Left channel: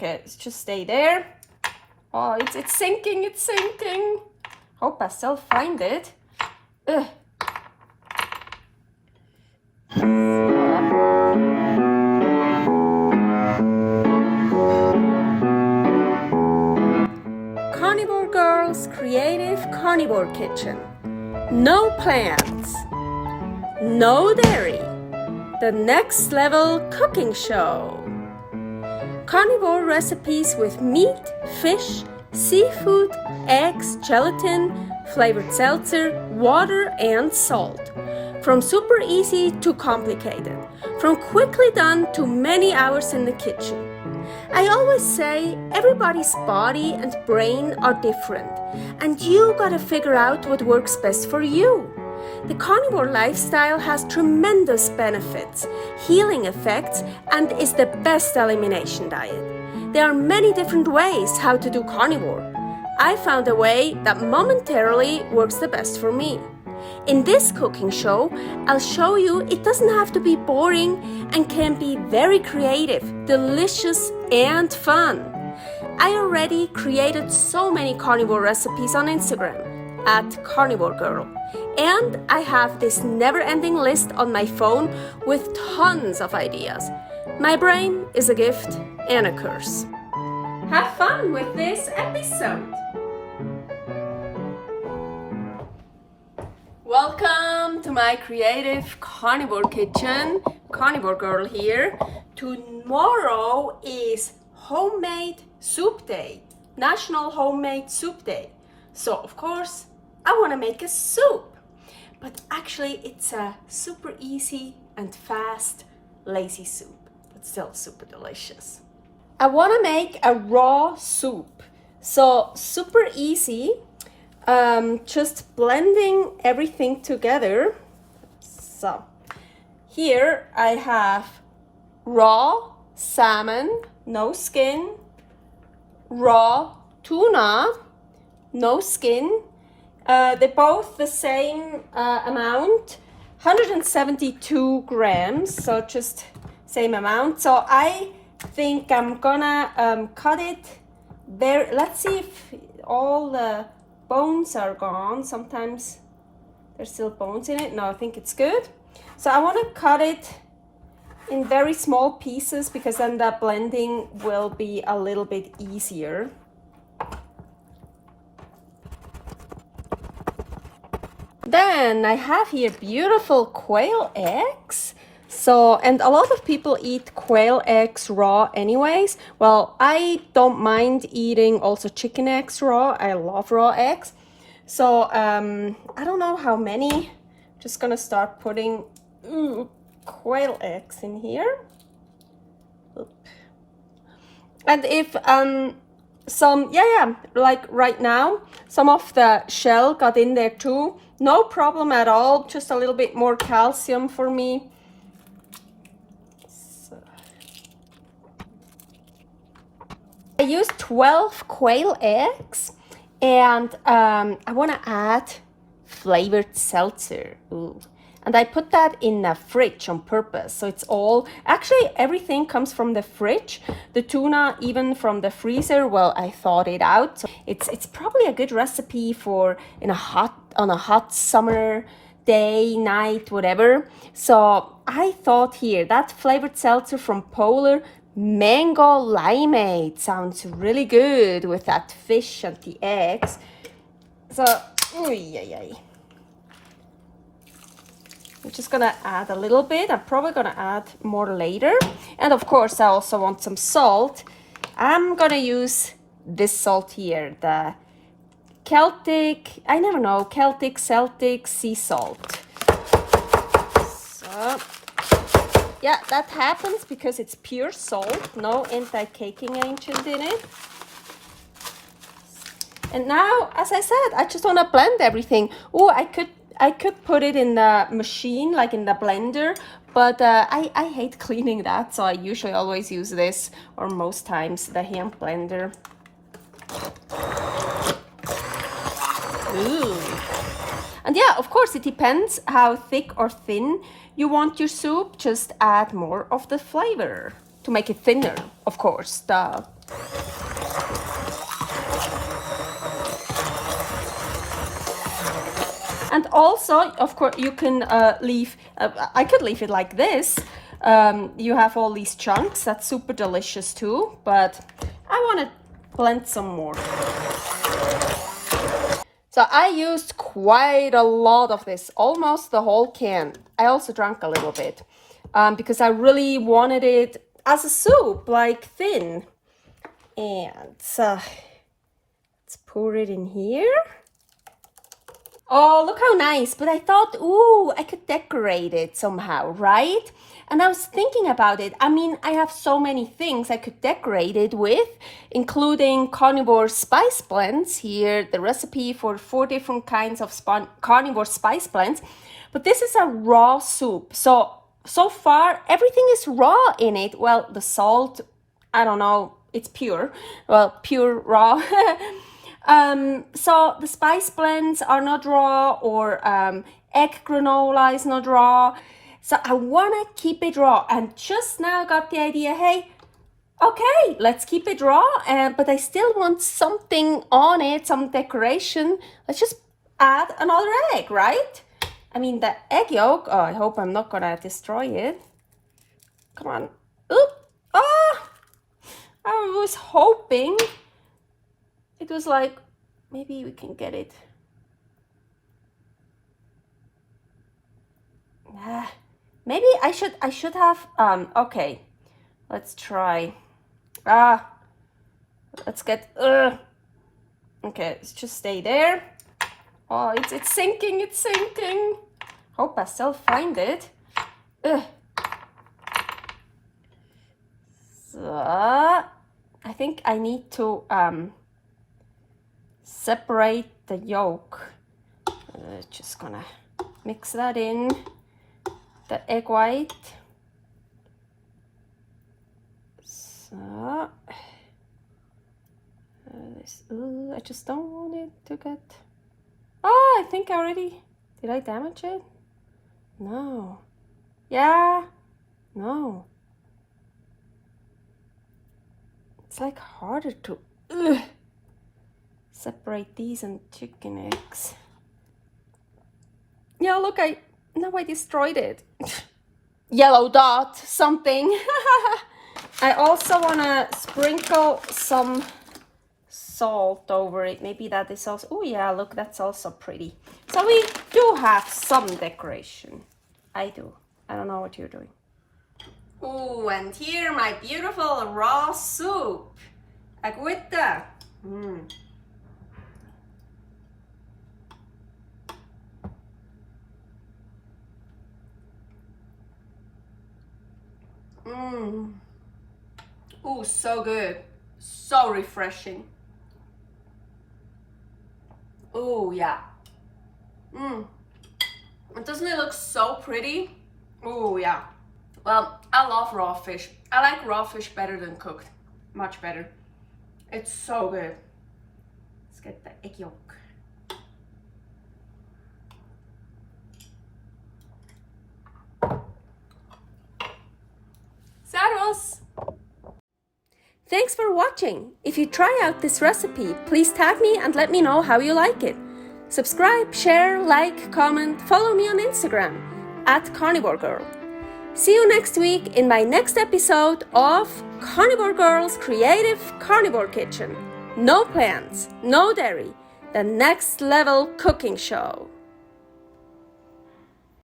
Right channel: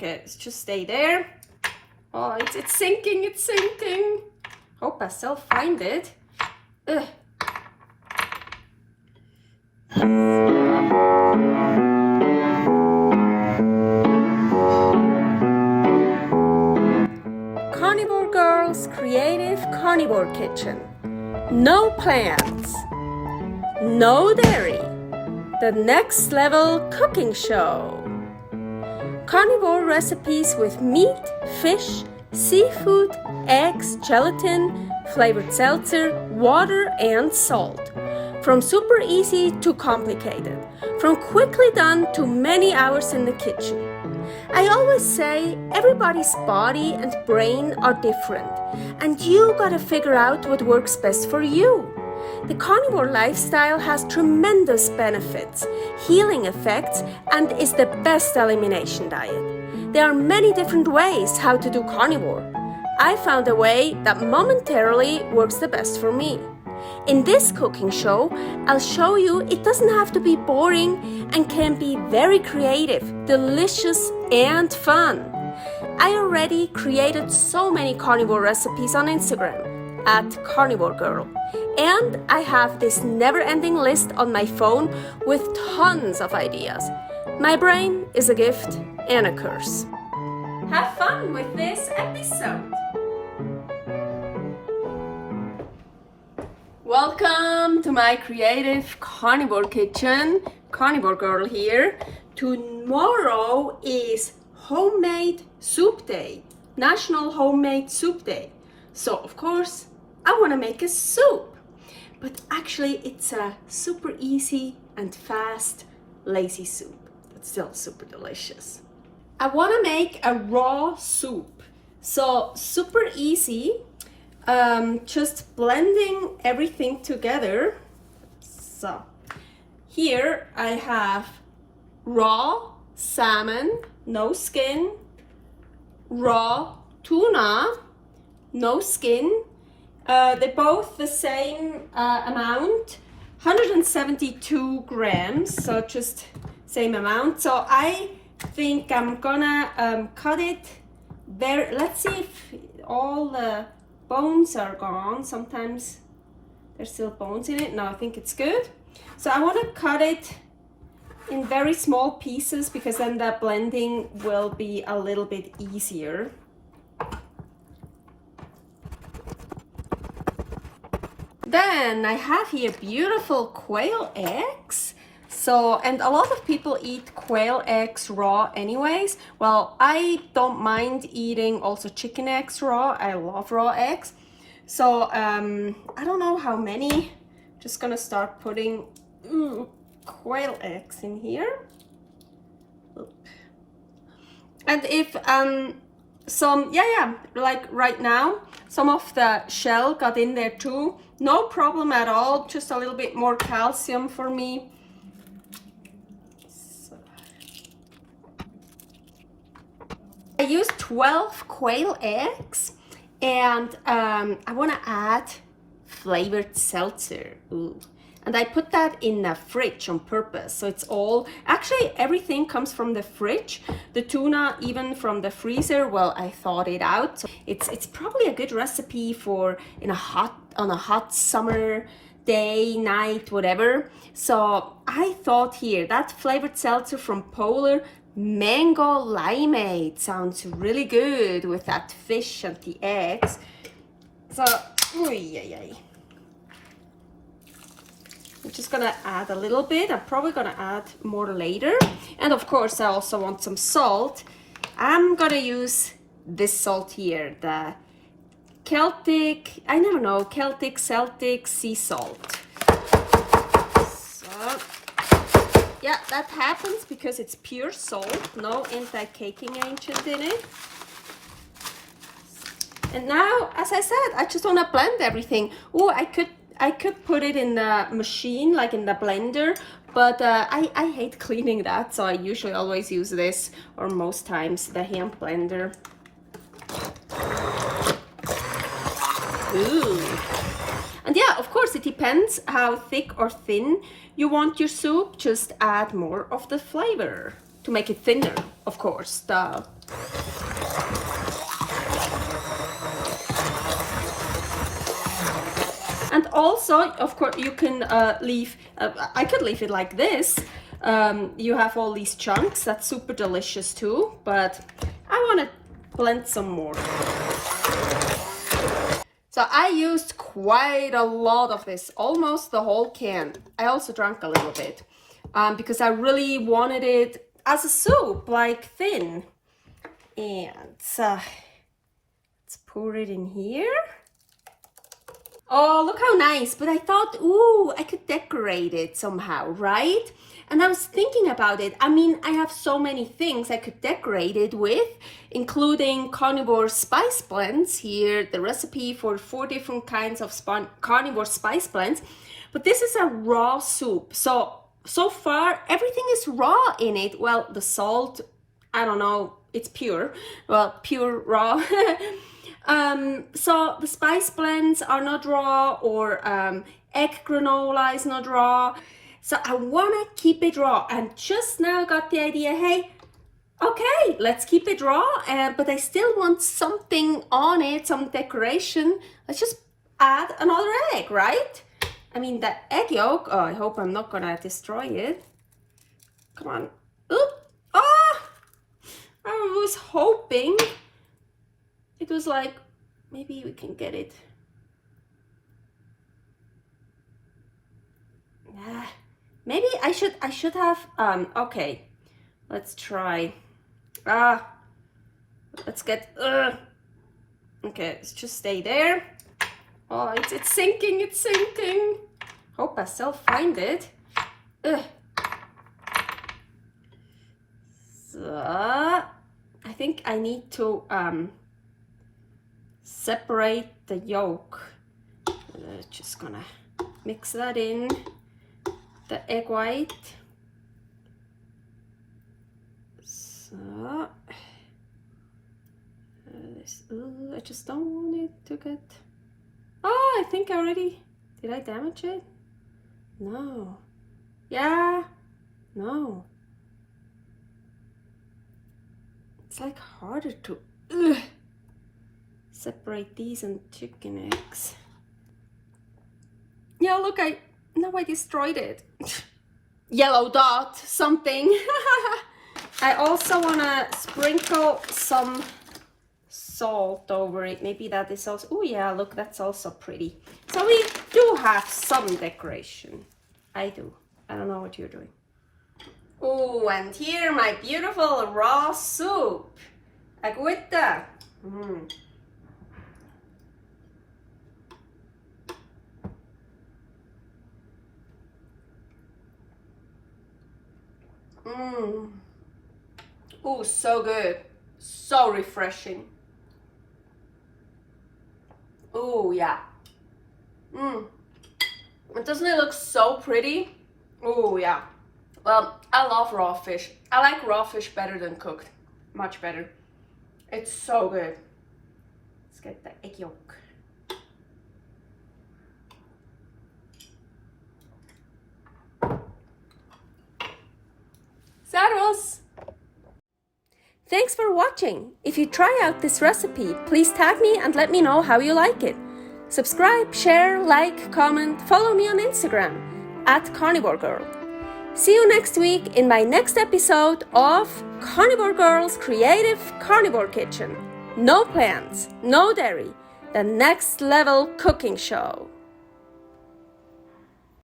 Okay, let's just stay there. Oh, it's sinking, it's sinking. Hope I still find it. Ugh. Carnivore Girl's Creative Carnivore Kitchen. No plants, no dairy. The next level cooking show. Carnivore recipes with meat, fish, seafood, eggs, gelatin, flavored seltzer, water, and salt. From super easy to complicated. From quickly done to many hours in the kitchen. I always say everybody's body and brain are different, and you gotta figure out what works best for you. The carnivore lifestyle has tremendous benefits, healing effects, and is the best elimination diet. There are many different ways how to do carnivore. I found a way that momentarily works the best for me. In this cooking show, I'll show you it doesn't have to be boring and can be very creative, delicious, and fun. I already created so many carnivore recipes on Instagram at Carnivore Girl, and I have this never-ending list on my phone with tons of ideas. My brain is a gift and a curse. Have fun with this episode. Welcome to my creative carnivore kitchen. Carnivore Girl here. Tomorrow is homemade soup day, National Homemade Soup Day. So of course I want to make a soup, but actually it's a super easy and fast, lazy soup. It's still super delicious. I want to make a raw soup, so super easy. Just blending everything together. So here I have raw salmon, no skin, raw tuna, no skin. They're both the same amount, 172 grams, so just same amount. So I think I'm gonna cut it there. Let's see if all the bones are gone. Sometimes there's still bones in it. No, I think it's good. So I want to cut it in very small pieces because then the blending will be a little bit easier. Then I have here beautiful quail eggs. So, and a lot of people eat quail eggs raw anyways. Well, I don't mind eating also chicken eggs raw. I love raw eggs. So, I don't know how many. Just gonna start putting quail eggs in here. And if some, like right now, some of the shell got in there too. No problem at all, just a little bit more calcium for me. So. I used 12 quail eggs, and I want to add flavored seltzer. Ooh. And I put that in the fridge on purpose. So it's all, actually everything comes from the fridge. The tuna even from the freezer. Well, I thawed it out. So it's probably a good recipe for on a hot summer day, night, whatever. So I thought here that flavored seltzer from Polar, mango limeade, sounds really good with that fish and the eggs. So, I'm just gonna add a little bit. I'm probably gonna add more later. And of course, I also want some salt. I'm gonna use this salt here, the Celtic sea salt. So, yeah, that happens because it's pure salt, no anti-caking agent in it. And now, as I said, I just wanna blend everything. Oh, I could put it in the machine, like in the blender, but I hate cleaning that, so I usually always use this, or most times the hand blender. Ooh. And yeah, of course, it depends how thick or thin you want your soup. Just add more of the flavor to make it thinner, of course. And also, of course, you can leave, I could leave it like this. You have all these chunks, that's super delicious too, but I want to blend some more. So I used quite a lot of this, almost the whole can. I also drank a little bit because I really wanted it as a soup, like thin. And let's pour it in here. Oh, look how nice. But I thought, ooh, I could decorate it somehow, right? And I was thinking about it. I mean, I have so many things I could decorate it with, including carnivore spice blends. Here, the recipe for 4 different kinds of carnivore spice blends. But this is a raw soup. So far, everything is raw in it. Well, the salt, I don't know, it's pure. Well, pure raw. So the spice blends are not raw, or egg granola is not raw. So I want to keep it raw, and just now got the idea, hey, okay, let's keep it raw, but I still want something on it, some decoration. Let's just add another egg, right? I mean, the egg yolk, oh, I hope I'm not gonna destroy it. Come on. Oop. Ah! I was hoping it was like, maybe we can get it. Maybe I should have, okay, let's try. Let's get, okay, let's just stay there. Oh, it's sinking, it's sinking. Hope I still find it. So, I think I need to, separate the yolk. Just gonna mix that in, the egg white. So I just don't want it to get, oh, I think I already, did I damage it? No. Yeah, no. It's like harder to separate these and chicken eggs. Yeah, look, I destroyed it. Yellow dot, something. I also want to sprinkle some salt over it. Maybe that is also, oh yeah, look, that's also pretty. So we do have some decoration. I do. I don't know what you're doing. Oh, and here my beautiful raw soup. Agüita. Oh, so good. So refreshing. Oh, yeah. Doesn't it look so pretty? Oh, yeah. Well, I love raw fish. I like raw fish better than cooked. Much better. It's so good. Let's get the egg yolk. Servus! Thanks for watching. If you try out this recipe, please tag me and let me know how you like it. Subscribe, share, like, comment, follow me on Instagram @CarnivoreGirl. See you next week in my next episode of Carnivore Girl's Creative Carnivore Kitchen. No plants, no dairy, the next level cooking show.